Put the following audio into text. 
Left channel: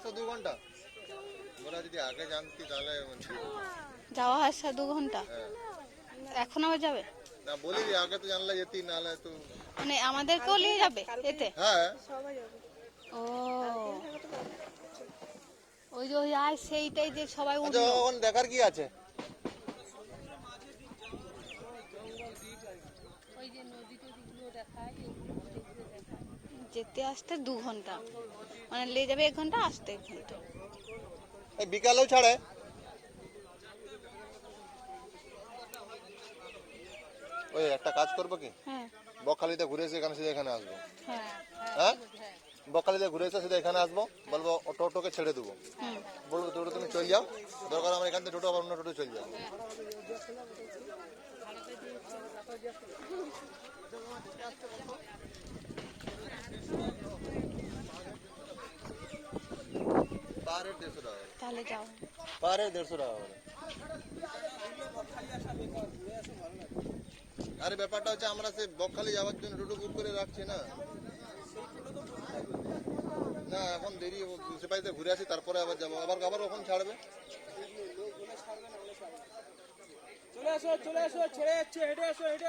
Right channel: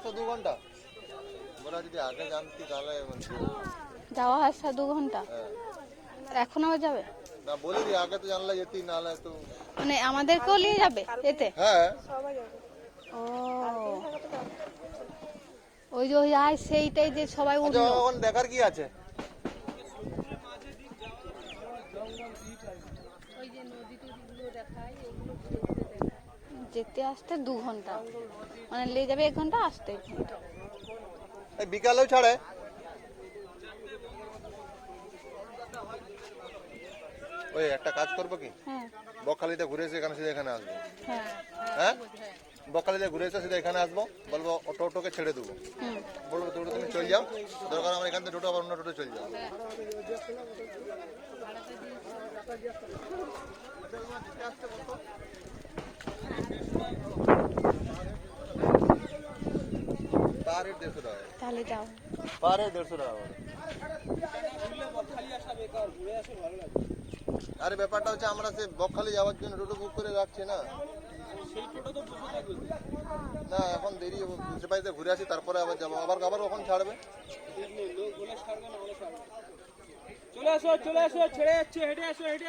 আসা 2 ঘন্টা মোরা যদি আগে জানতি তাহলে যাওয়া আসা 2 ঘন্টা। এখন আবার যাবে না, বলি আগে তো জানলে যেতি, নাহলে তো মানে আমাদেরকেও নিয়ে যাবে এতে? হ্যাঁ। ও ওই যে ওই আর সেইটাই যে সবাই উঠলো। এখন দেখার কি আছে? যেতে আসতে 2 ঘন্টা, মানে নিয়ে যাবে 1 ঘন্টা, আসতে 1 ঘন্টা। এই বিকালেও ছাড়ে। ওই একটা কাজ করবো কি, হ্যাঁ বকখালিতে ঘুরে এসে এখানে সিধা এখানে আসবো। হ্যাঁ হ্যাঁ, বকখালিতে ঘুরে এসে সিধা এখানে আসবো, বলবো টোটোকে ছেড়ে দেবো, হুম বলবো টোটো তুমি চলে যাও, দরকার আমার এখান থেকে টোটো আবার অন্য টোটো চলে যাও। পার হেড 150 টাকা, তাহলে যাও। পার হেড 150 টাকা করে। আরে ব্যাপারটা হচ্ছে আমরা সে বকখালি যাওয়ার জন্য টোটো বুক করে রাখছি না। না এখন দেরি হবে, মুন্সিপালিতে ঘুরে আসি তারপরে আবার যাবো, আবার কখন ছাড়বে? চলে আসো, ছেড়ে যাচ্ছে, হেঁটে আসো, হেঁটে